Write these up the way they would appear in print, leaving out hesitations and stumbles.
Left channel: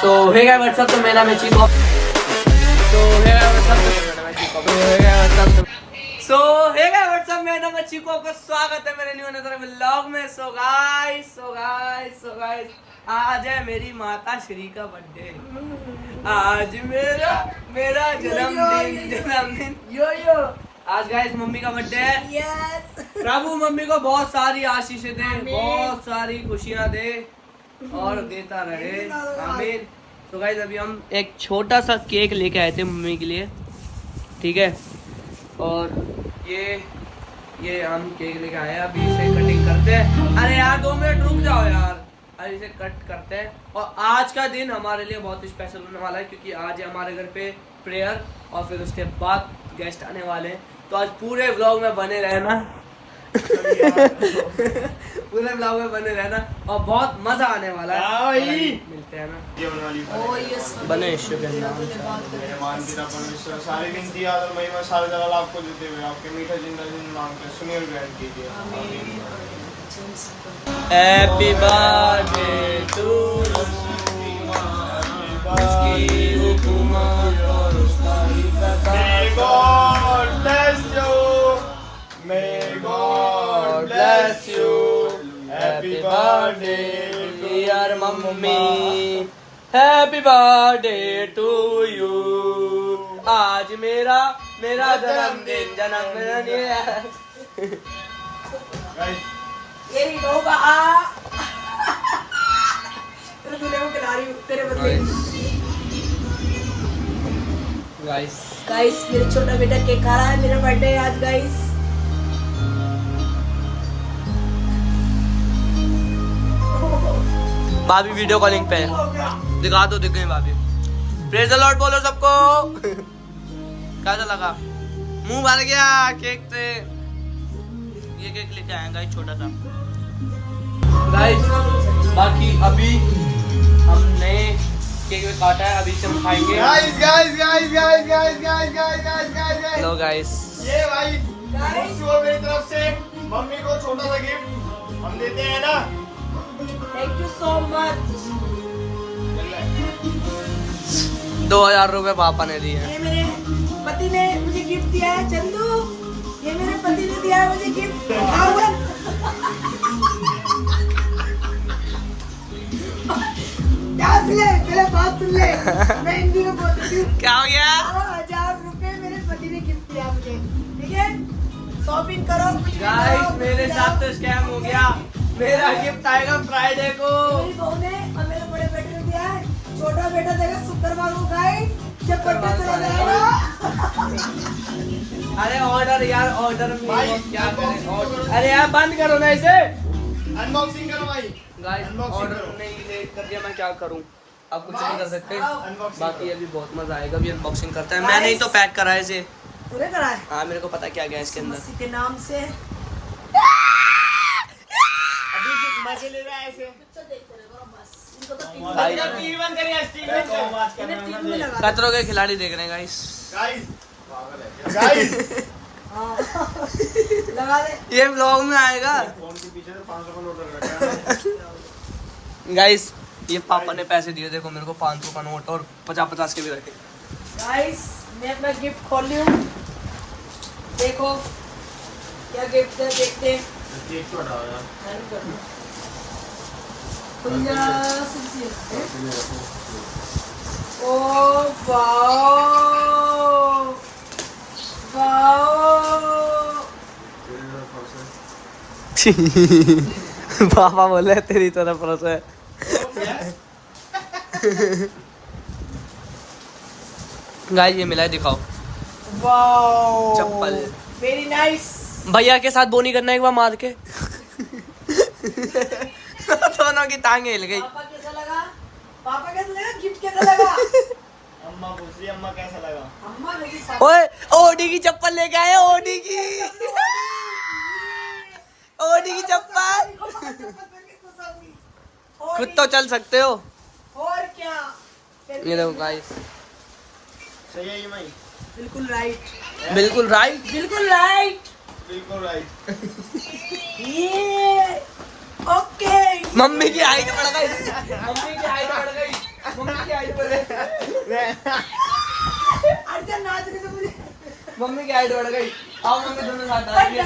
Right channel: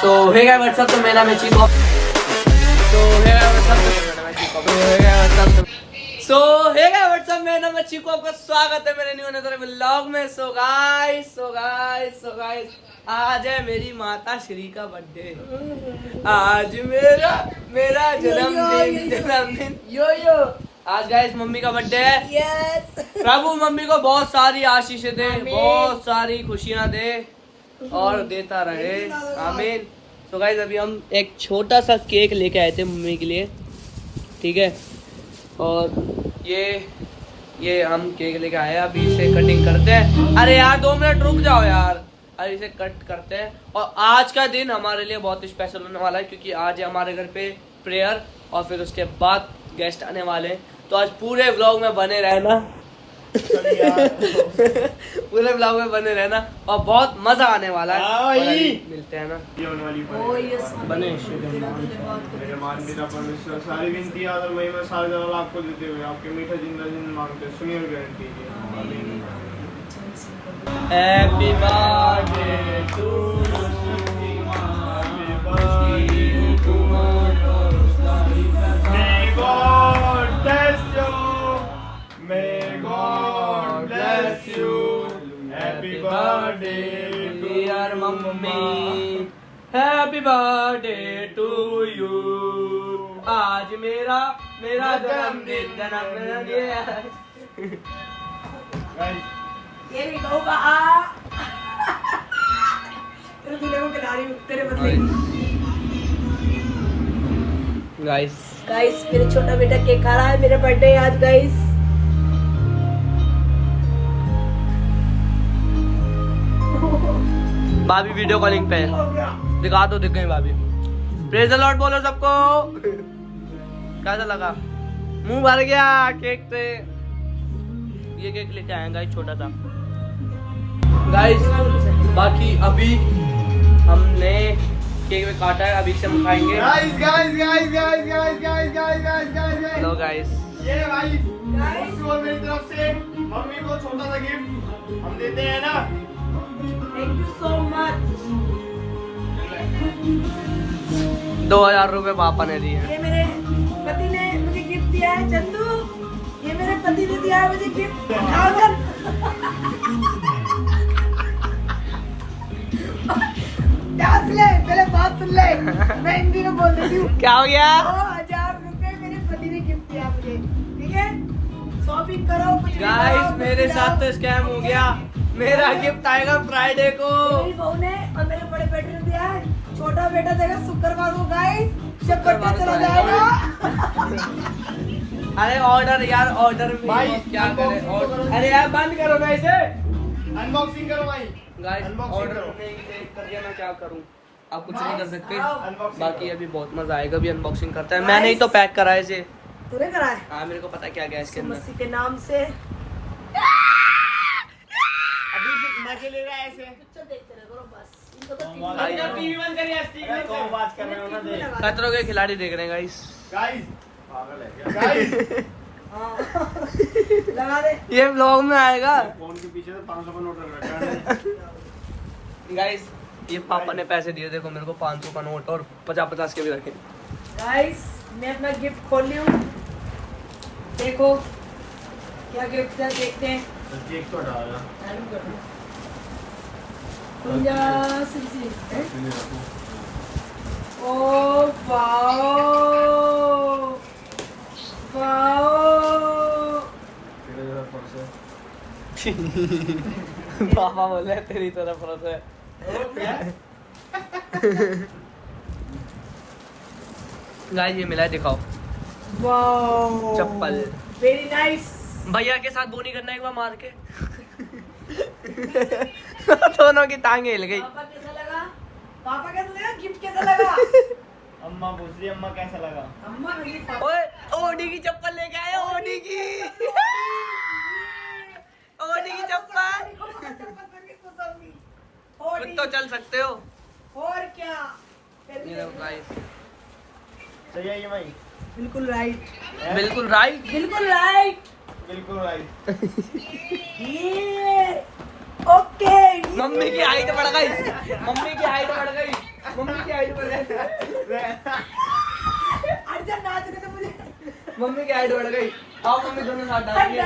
सो hey guys what's up, तो मेरा नाम है चीको। सो हे गाइस व्हाट्सअप, मेरा नाम है चीको। आपका स्वागत है मेरे न्यू अनदर व्लॉग में। सो गाइस आज है मेरी माता श्री का बर्थडे। आज मेरा जन्मदिन यो आज गाइस मम्मी का बर्थडे है। यस प्रभु मम्मी को बहुत सारी आशीषें दे, बहुत सारी खुशियां दे और देता रहे, आमीन। तो गाइस अभी हम एक छोटा सा केक लेके आए थे मम्मी के लिए, ठीक है। और ये हम केक लेके आए हैं, अभी इसे कटिंग करते हैं। अरे यार 2 मिनट रुक जाओ यार, अरे इसे कट करते हैं। और आज का दिन हमारे लिए बहुत स्पेशल होने वाला है, क्योंकि आज है हमारे घर पे प्रेयर और फिर उसके बाद गेस्ट आने वाले हैं। तो आज पूरे व्लॉग में बने रहना पूरे ब्लॉग में बने रहना और बहुत मजा आने वाला है। मिलते हैं ना बने मेरे मान की परमेश्वर सारी विनती और महिमा सारे जलाल आपको देते हुए आपके मीठा जिंदगी मांगते सुनिए ग्रहण कीजिए। Happy birthday to May God bless you. Happy birthday, dear mummy. Happy birthday to you. आज मेरा जन्मदिन ये नहीं होगा तेरे दूल्हे को खिला रही हूँ तेरे बदले। गाइस मेरे छोटा बेटा केक खा रहा है, मेरा बर्थडे आज गाइस। भाभी वीडियो कॉलिंग पे दिखा दो, दिख गई भाभी। प्रेज द लॉर्ड बोलो सबको। कैसा लगा? मुंह भर गया केक से। ये केक लेके आए गाइस छोटा सा। गाइस बाकी अभी हमने केक में काटा है, अभी से हम खाएंगे। guys. लो गाइस, ये भाई मेरी तरफ से मम्मी को छोटा सा गिफ्ट हम देते हैं ना। Thank you so much. 2000 रुपए पापा ने दिए। ये मेरे पति ने मुझे गिफ्ट दिया है चंदू, ये मेरे पति ने दिया है मुझे गिफ्ट 1000। ध्यान से पहले बात सुन ले, मैं हिंदी में बोल देती हूँ। क्या हो गया? 2000 रुपए मेरे पति ने गिफ्ट दिया मुझे, ठीक है। शॉपिंग करो कुछ। गाइस मेरे साथ तो स्कैम हो गया। मेरा गिफ्ट आएगा फ्राइडे को। मेरी बहू ने और मेरे बड़े बेटे ने दिया है, छोटा बेटा देगा शुक्रवार को गाइस। शुक्रवार को आएगा। अरे ऑर्डर यार, ऑर्डर में क्या करें ऑर्डर। अरे यार बंद करो ना इसे। अनबॉक्सिंग करो भाई। गाइस ऑर्डर नहीं लेट कर दिया, मैं क्या करूं? अब कुछ नहीं कर सकते। बाकी अभी बहुत मजा आएगा, अभी अनबॉक्सिंग करते हैं। मैंने ही तो पैक करा है इसे। तूने करा है? हाँ मेरे को पता क्या गया इसके अंदर। मसीह के नाम से अभी मजे ले रहा है ऐसे। इनको तो टीवी खतरों के खिलाड़ी देख रहे हैं गाइस। गाइस लगा दे। ये व्लॉग में आएगा। फोन के पीछे से 500 का नोट रख रखा है। गाइस ये पापा ने पैसे दिए, देखो मेरे को 500 का नोट और 50-50 के भी रखे। गाइस मैं अपना गिफ्ट खोल ली हूँ, देखो क्या गिफ्ट है, देखते हैं। केक तो हटा रहा है। खुल जा सिलसिल है। Oh wow wow. पापा बोले तेरी तरफ परोसा है। गाइस ये मिला है, दिखाओ। वाओ चप्पल। Very nice. भैया के साथ बोनी करना एक बार मार के। दोनों की टांगे हिल गई। पापा कैसा लगा? पापा कैसा लगा? गिफ्ट कैसा लगा? अम्मा पूछ रही अम्मा कैसा लगा? अम्मा मुझे पापा ओए ओडी की चप्पल लेके आए, ओडी की। ओडी की चप्पल। खुद तो चल सकते हो। और क्या? ये देखो गाइस, सही है ये भाई। बिल्कुल राइट, बिल्कुल राइट, बिल्कुल राइट, बिल्कुल राइट। ये ओके। मम्मी की हाइट बढ़ गई, मम्मी की हाइट बढ़ गई। मम्मी की हाइट बढ़ गई। अर्जुन नाच रहे थे मुझे। मम्मी की हाइट बढ़ गई। आओ मम्मी दोनों साथ डालेंगे।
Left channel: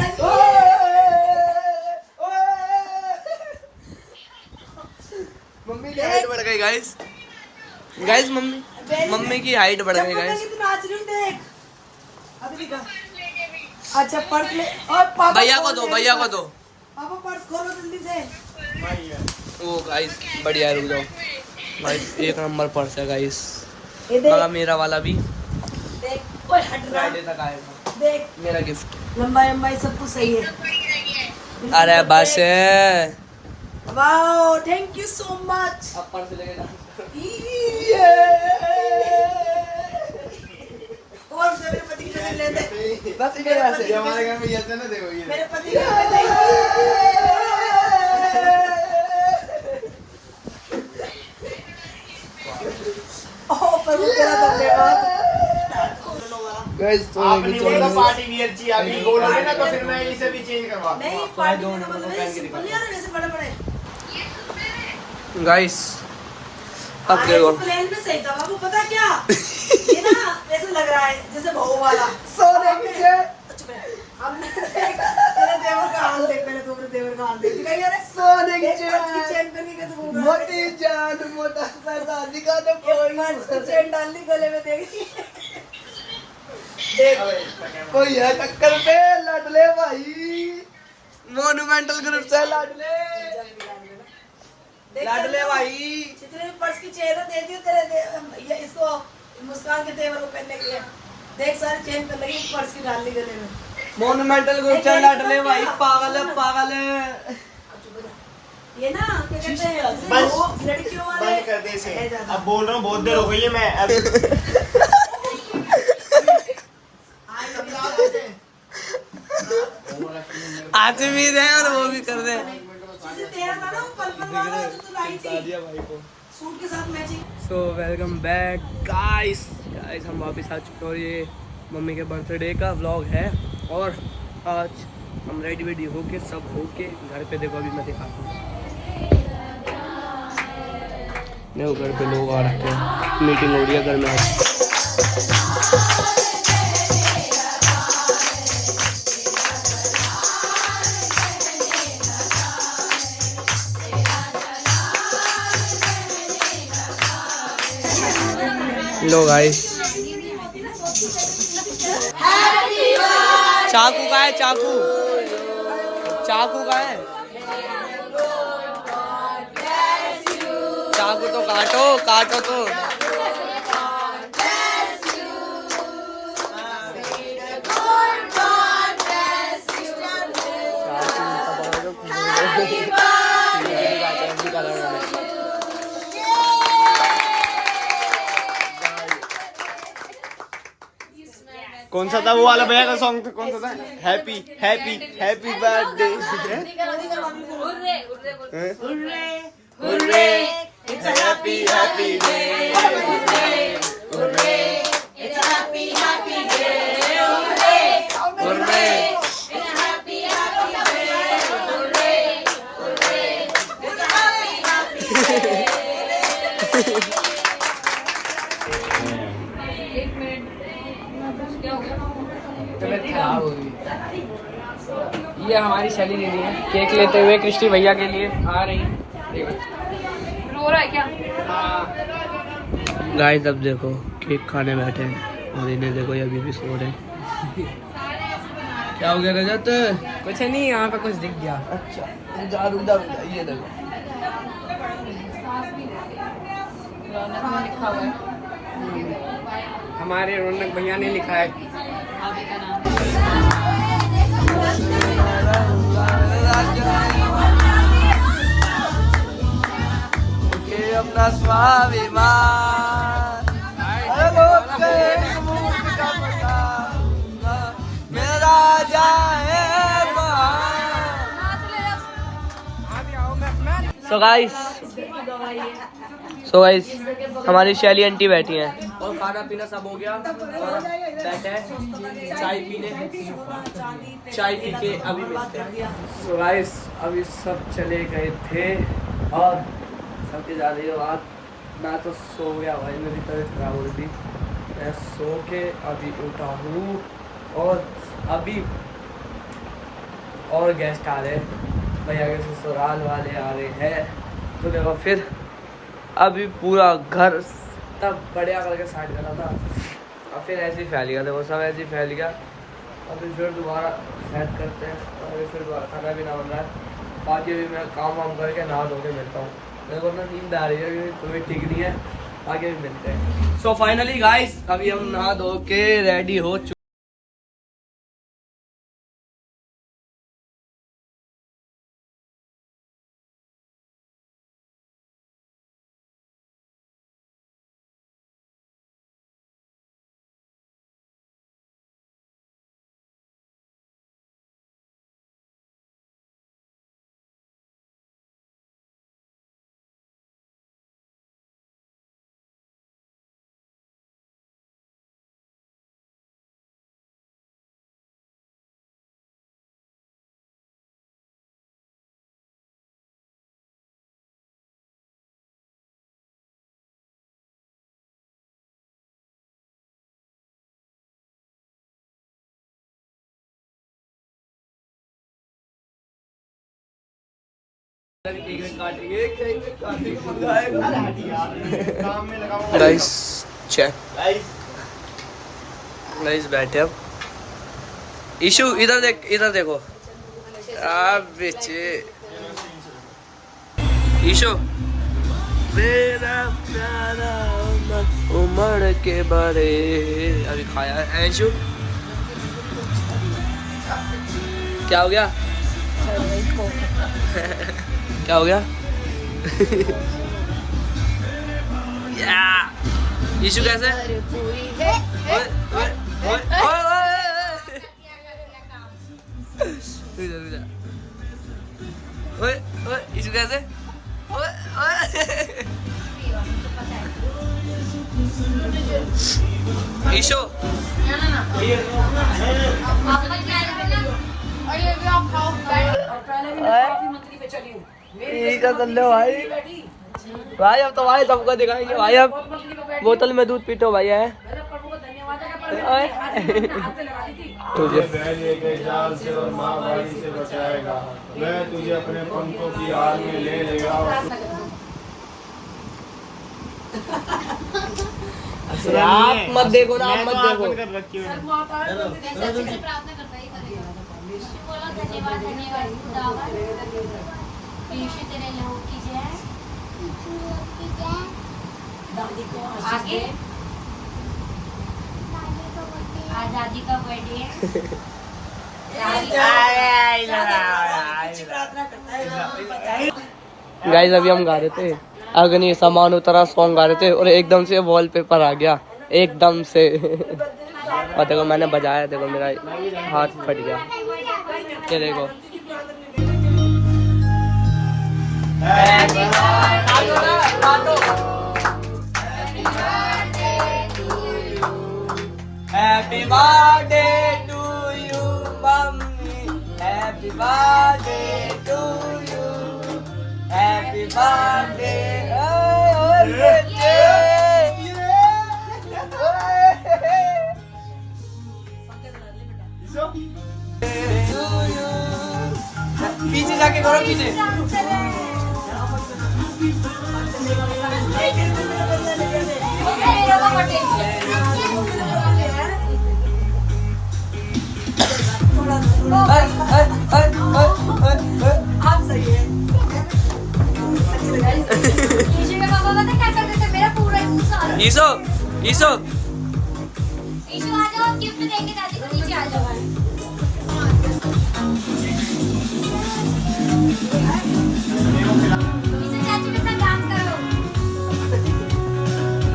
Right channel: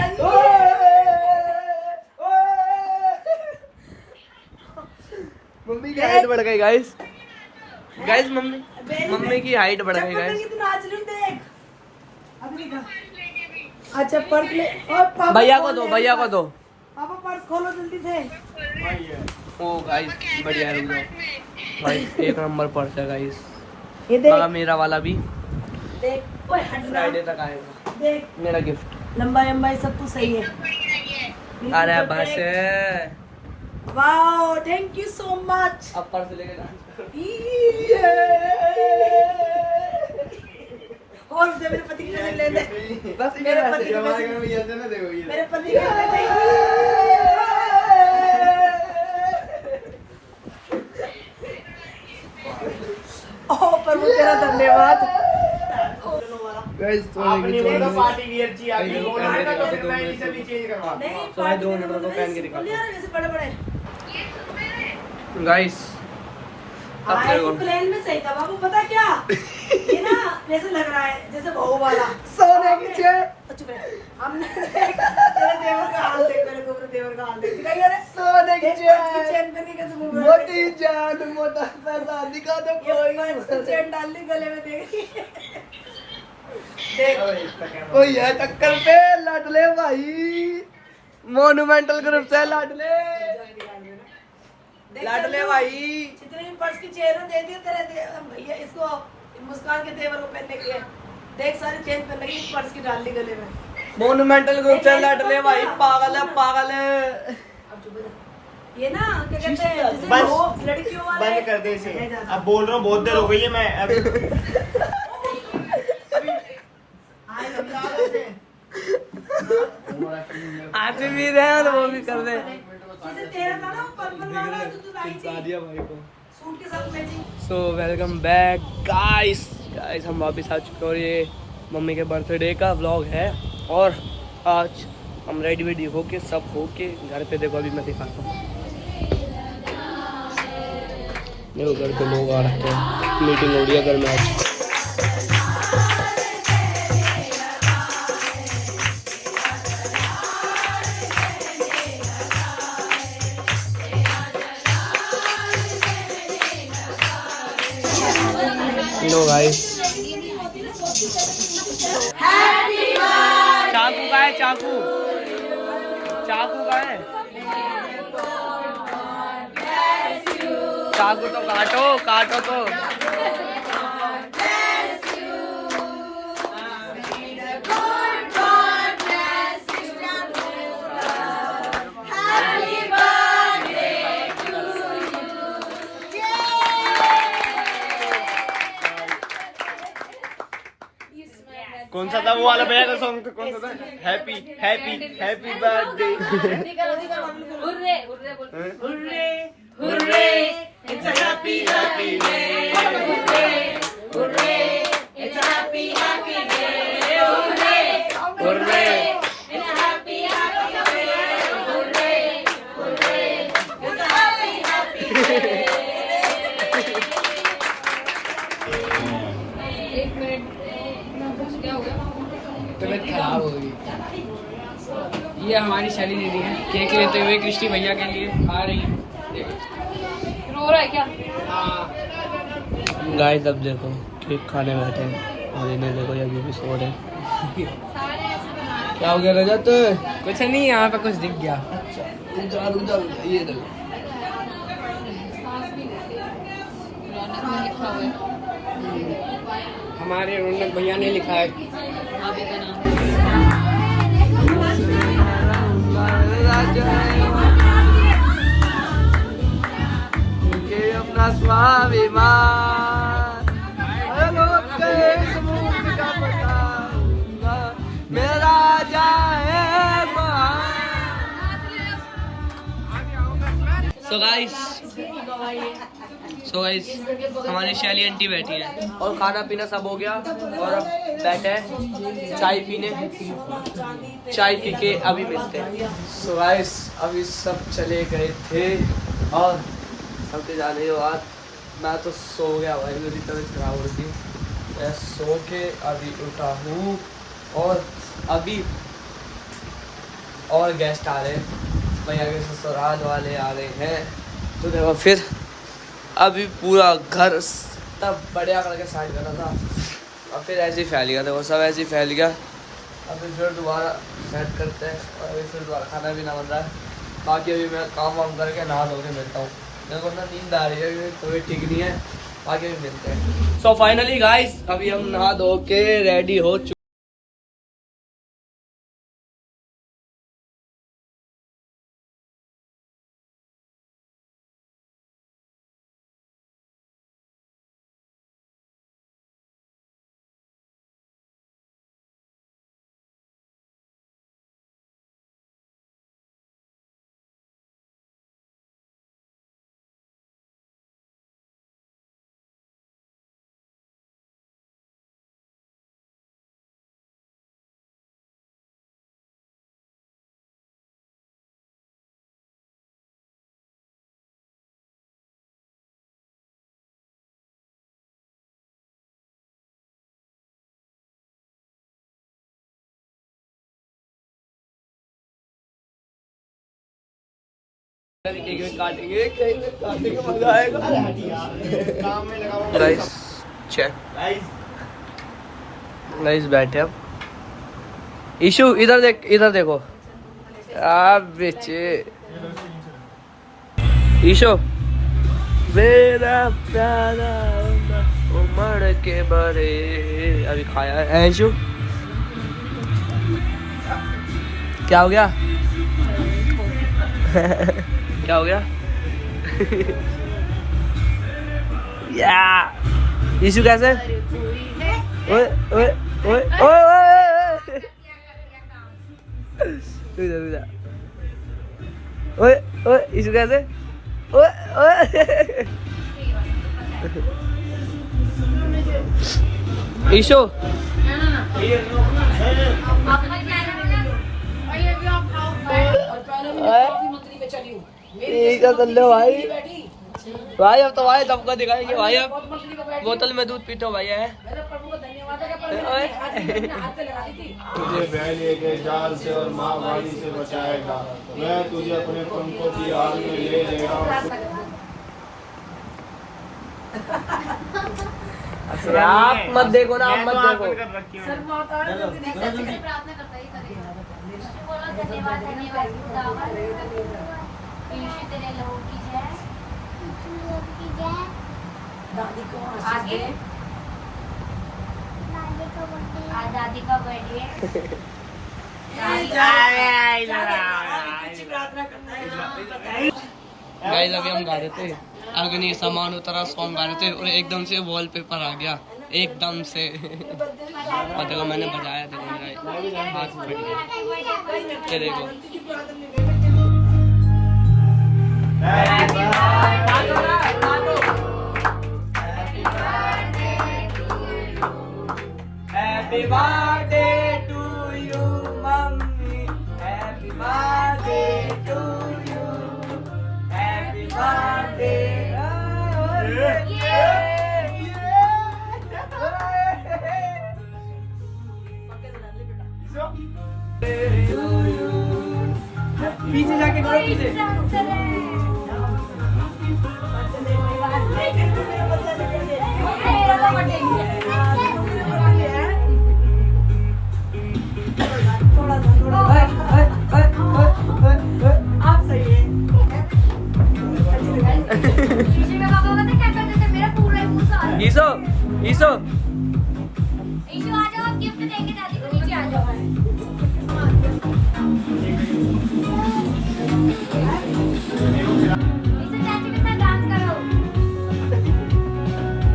मम्मी की हाइट बढ़ गई गाइस। गाइस मम्मी की हाइट बढ़ गई गाइस। तू नाच रही हूँ देख। अभी का। अच्छा पर्स ले और पापा भैया को खोल दो ले भैया को पर्स। दो। पापा पर्स खोलो जल्दी से। ओ गाइस बढ़िया है, रुक जाओ गाइस। एक नंबर पर्स है गाइस। ये देख मगर मेरा वाला भी देख। ओए हट ना। फ्राइडे तक आएगा देख मेरा गिफ्ट। लंबाई लंबाई सब कुछ सही है। अरे बस wow thank you so much. अब पर्स लेके जा। और मेरे पति के ले ले। बस मेरे पति के हमारे घर में ये ना देखो ये मेरे पति के ले ले। ओह प्रभु तेरा धन्यवाद। गाइस आपने बोला पार्टी वियर चाहिए अभी बोला है ना तो फिर मैं इसे भी चेंज करवा दूँ। नहीं तो मैं 2 नंबर को पहन के दिखाता हूँ ऐसे बड़े बड़े गाइस। अब देखो प्लेन में सही था बाबू पता क्या ये ना जैसे लग रहा है जैसे बहू वाला सोने की चेन। हमने तेरे देवर का हाल देख मेरे देवर का हाल देख दिखाई अरे सोने की चेन पहन के कैसे घूम रहा है। मोटी जान मोटा पैसा दिखा दो कोई चेन डाल दी गले में देख देख कोई है टक्कर पे लाडले भाई। मोन्यूमेंटल ग्रुप से लाडले भाई। जितने भी पर्स की चेन दे दी तेरे भैया इसको मुस्कान के देवर को पहनने के लिए देख सारी चेन पे लगी पर्स की डाल दी गले में। मोन्यूमेंटल ग्रुप से लाडले भाई पागल है पागल है। ये ना क्या कहते हैं जैसे बस वो लड़कियों वाले बंद कर दे इसे। अब बोल रहा हूँ बहुत देर हो गई है मैं अब आज भी रहे और वो भी कर रहे हैं। जैसे तेरा था ना पर्पल वाला जो तू लाई थी भाई को। सूट के साथ matching. So welcome back guys. हम वापस आ चुके हैं और ये मम्मी के बर्थडे का व्लॉग है। और आज हम रेडी वेडी होके सब होके घर पे देखो अभी मैं दिखाता हूँ। देखो घर पे लोग आ रखे हैं, मीटिंग हो रही है घर में आज। लो गाइस चाकू का है चाकू। चाकू का है चाकू तो काटो काटो तो। कौन सा था वो वाला भैया का सॉन्ग था कौन सा था happy happy happy birthday hurray hurray it's a happy happy day hurray hurray it's a happy happy day hurray hurray it's a happy happy day hurray hurray it's a happy happy day. खराब हो गई। ये हमारी शैली दीदी है cake लेते हुए कृष्टि भैया के लिए आ रही है। रो रहा है क्या? गाइस अब देखो केक खाने बैठे हैं और इन्हें देखो ये अभी भी सो रहे हैं। क्या हो गया रजत? कुछ नहीं, यहाँ पे कुछ दिख गया। अच्छा रुक जा ये देखो। हमारे रौनक भैया ने लिखा है। अपना स्वाभिमान का पता मेरा राजा है। तो गाइस हमारी शैली आंटी बैठी हैं और खाना पीना सब हो गया और अब बैठे हैं चाय पीने। चाय पी के अभी मिलते हैं। सो गाइस अभी सब चले गए थे और सबके जा रही हो आज मैं तो सो गया भाई, मेरी तबीयत खराब हो रही थी। मैं सो के अभी उठा हूँ और अभी और गेस्ट आ रहे हैं, भैया के ससुराल वाले आ रहे हैं। तो देखो फिर अभी पूरा घर तब बढ़िया करके साइड करा था, अब फिर ऐसे ही फैल गया, देखो सब ऐसे ही फैल गया। अभी फिर दोबारा सेट करते हैं और अभी फिर दोबारा खाना भी ना बन रहा है। बाकी अभी मैं काम वाम करके नहा धो के मिलता हूँ, मेरे को ना नींद आ रही है क्योंकि तबीयत ठीक नहीं है। आगे भी मिलते हैं। सो फाइनली गाइस अभी हम नहा धो के रेडी हो चुके। काटेंगे मजा आएगा। गाइस चेक, गाइस बैठे अब। इशू इधर देख, इधर देखो आप बेचे। ईशो मेरा प्यारा उमड़ के बड़े, अभी खाया है ईशु। क्या हो गया? क्या हो गया? या ईशु कैसे? ओए ओए ओए ओए ओए ओए ओए ईशु कैसे? ओए ओए ईशु भाई अब तो भाई सबको दिखाएंगे भाई। अब बोतल में दूध पीटो भाई है। तुझे पहले के जाल से और महामारी से बचाएगा, मैं तुझे अपने पंखों की आड़ में ले लेगा। आप मत देखो ना, आप मत देखो। धन्यवाद धन्यवाद तेरे लहू की जय। आगे आज दादी का बर्थडे है। गाइस अभी हम गा रहे थे अग्नि समान उतरा सॉन्ग गा रहे थे और एकदम से वॉलपेपर आ गया एकदम से। और देखो मैंने बजाया, देखो मेरा हाथ फट गया। ये देखो happy birthday to you mummy, happy birthday to you, happy birthday. पीछे जाके करो, पीछे आप सही है। ईशो ईशो ईशु आ जाओ, गिफ्ट देंगे दादी को, नीचे आ जाओ। ईशु चाची के साथ डांस करो।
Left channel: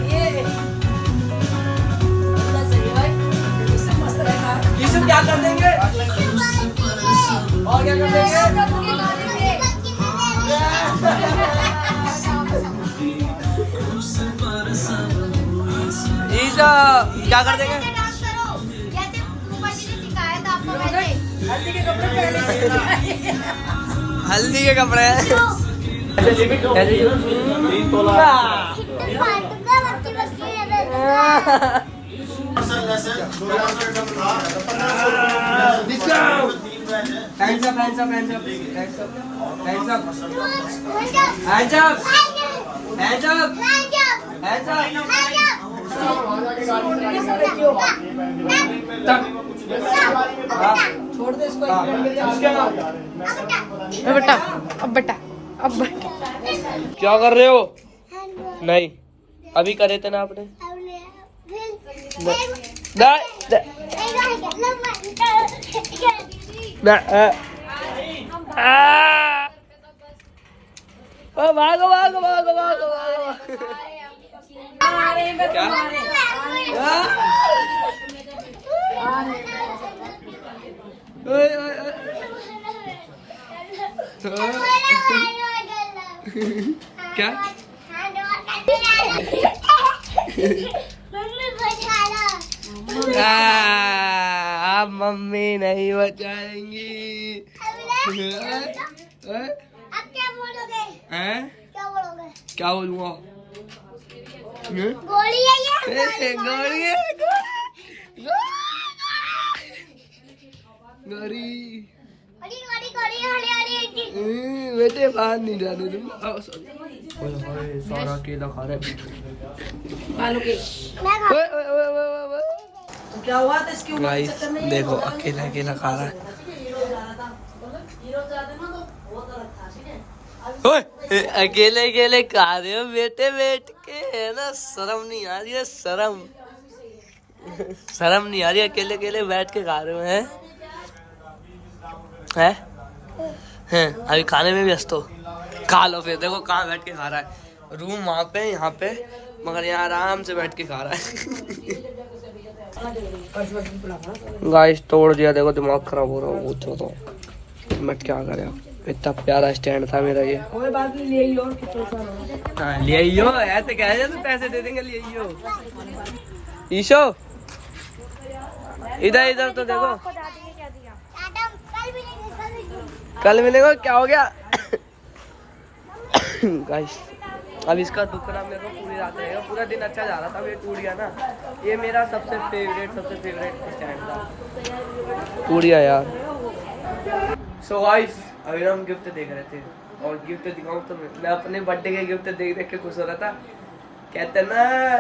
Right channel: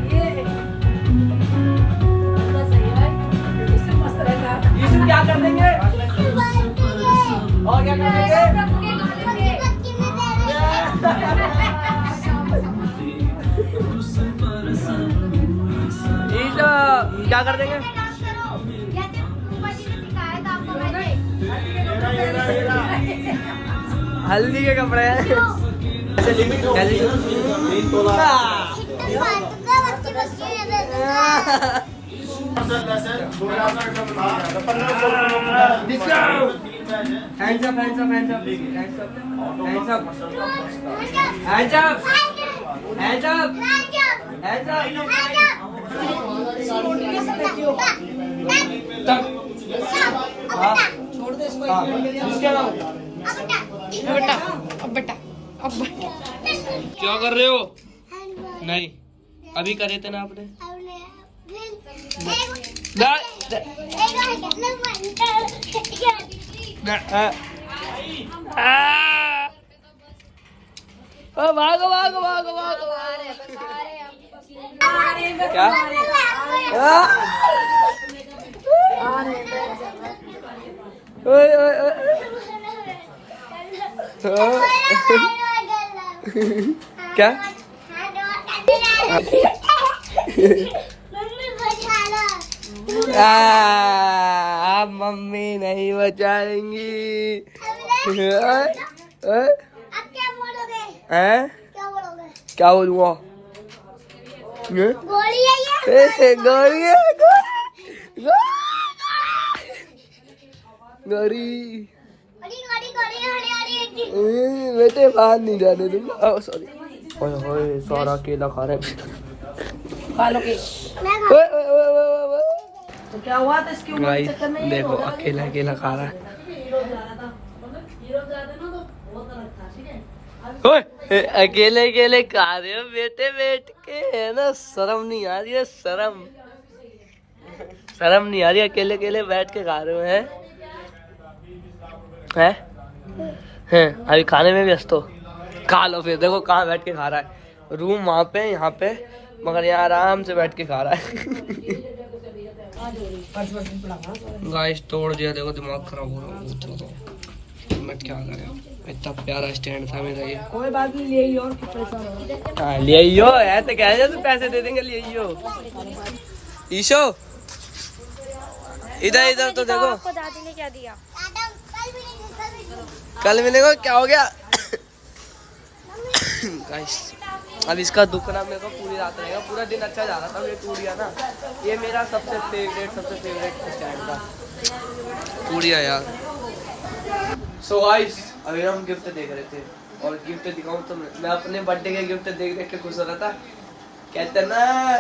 ये बड़ा सही है, इससे मस्त रहेगा। ईशो क्या कर देंगे और क्या कर देंगे? सबके गाने में ईशो क्या कर देंगे? हल्दी के कपड़े छोड़ दे इसको, अब बेटा क्या कर रहे हो? नहीं अभी करे थे ना आपने। भागो भागो भागो भागो भागो। क्या? ओए ओए ओए। क्या? आप मम्मी नहीं बचाएंगी। क्या बोलूँगा? गोली है गोली ये। है, गोली। बेटे बाहर नहीं जाने दूंगा। सॉरी। ओए सारा केला खा रहा है। खा लो केक। ओए ओए ओए ओए ओए। तो क्या हुआ था इसकी उम्र के गाइस चक्कर में? देखो अकेला अकेला खा रहा है। ओए अकेले अकेले खा रहे हो बेटे बैठ के, है ना? शर्म नहीं आ रही है? शर्म नहीं आ रही? अकेले अकेले बैठ के खा रहे हो? हैं अभी खाने में व्यस्त हो? खा लो फिर। देखो कहाँ बैठ के खा रहा है। रूम वहाँ पे, यहाँ पे, मगर यहाँ आराम से बैठ के खा रहा है। गाइस तोड़ दिया। देखो दिमाग खराब हो रहा है। तो मैं क्या करे, इतना प्यारा स्टैंड था मेरा ये। कोई बात नहीं, ले लो और पैसा। हाँ ले आइयो। ऐसे कह रहे तो पैसे दे देंगे। ले आइयो। ईशो इधर इधर तो देखो। कल मिलेगा। क्या हो गया? गाइस अब इसका दुखना मेरे को पूरी रात रहेगा। पूरा दिन अच्छा जा रहा था, ये टूट गया ना। ये मेरा सबसे फेवरेट स्टैंड था, टूट गया यार। सो गाइस अभी हम गिफ्ट देख रहे थे, और गिफ्ट दिखाऊं तो मैं अपने बर्थडे के गिफ्ट देख देख के खुश हो रहा था। कहते ना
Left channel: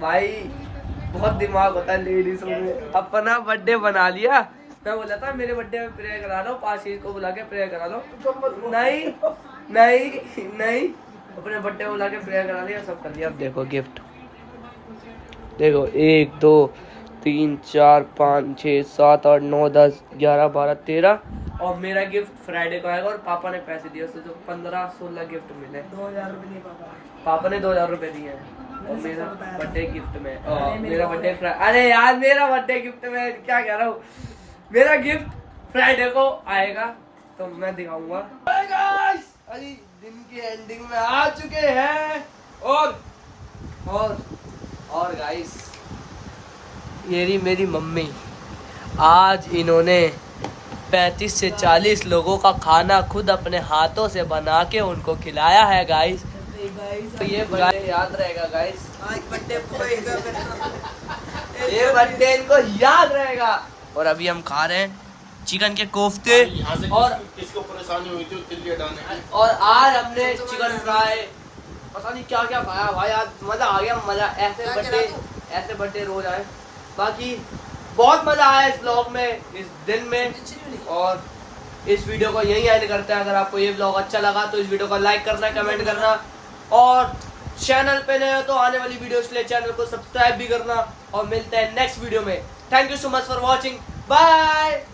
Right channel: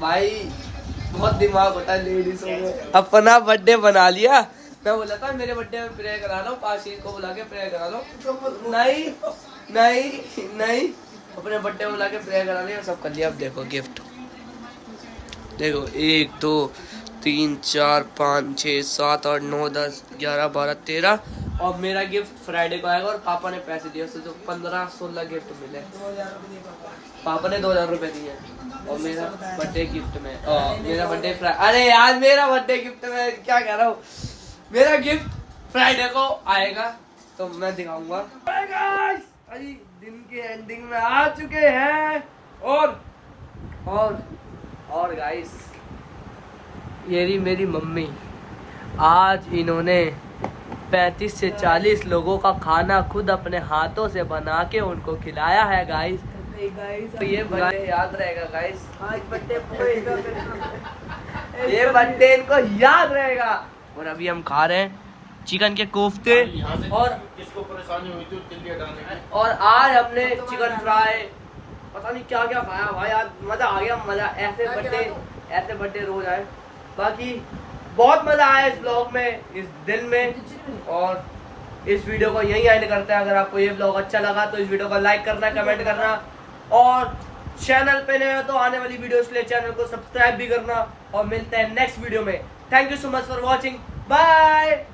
भाई बहुत दिमाग होता है लेडीजों में। अपना बर्थडे बना लिया। मैं बोला था मेरे बर्थडे में प्रेयर करा लो, 5 चीज को बुला के प्रेयर करा लो। नहीं नहीं नहीं, अपने बर्थडे में बुला के प्रेयर करा लिया, सब कर लिया। अब देखो गिफ्ट देखो, 1 2 3 4 5 6 7 8 9 10 11 12 13, और मेरा गिफ्ट फ्राइडे को आएगा। और पापा ने पैसे दिए, उससे जो 15-16 गिफ्ट मिले। पापा ने 2000 रुपए दिए हैं। और मेरा बर्थडे गिफ्ट में मेरा बर्थडे अरे यार मेरा बर्थडे गिफ्ट में क्या कह रहा हूँ, मेरा गिफ्ट फ्राइडे को आएगा तो मैं दिखाऊंगा। अभी दिन की एंडिंग में आ चुके हैं। और गाइस ये रही मेरी मम्मी। आज इन्होंने 35 से 40 लोगों का खाना खुद अपने हाथों से बना के उनको खिलाया है गाइस। तो ये बर्थडे याद रहेगा गाइस। ये बर्थडे इनको याद रहेगा। और अभी हम खा रहे हैं चिकन के कोफ्ते। और किसको परेशानी हुई थी तिल्ली हटाने की। और आज हमने चिकन फ्राई, पता नहीं क्या क्या खाया भाई। आज मजा आ गया, मजा। ऐसे बर्थडे रोज आए। बाकी बहुत मजा आया इस ब्लॉग में, इस दिन में। और इस वीडियो को यहीं एंड करते हैं। अगर आपको ये ब्लॉग अच्छा लगा तो इस वीडियो को लाइक करना, कमेंट करना, और चैनल पे नए हो तो आने वाली वीडियोस के लिए चैनल को सब्सक्राइब भी करना। और मिलते हैं नेक्स्ट वीडियो में। Thank you so much for watching. Bye.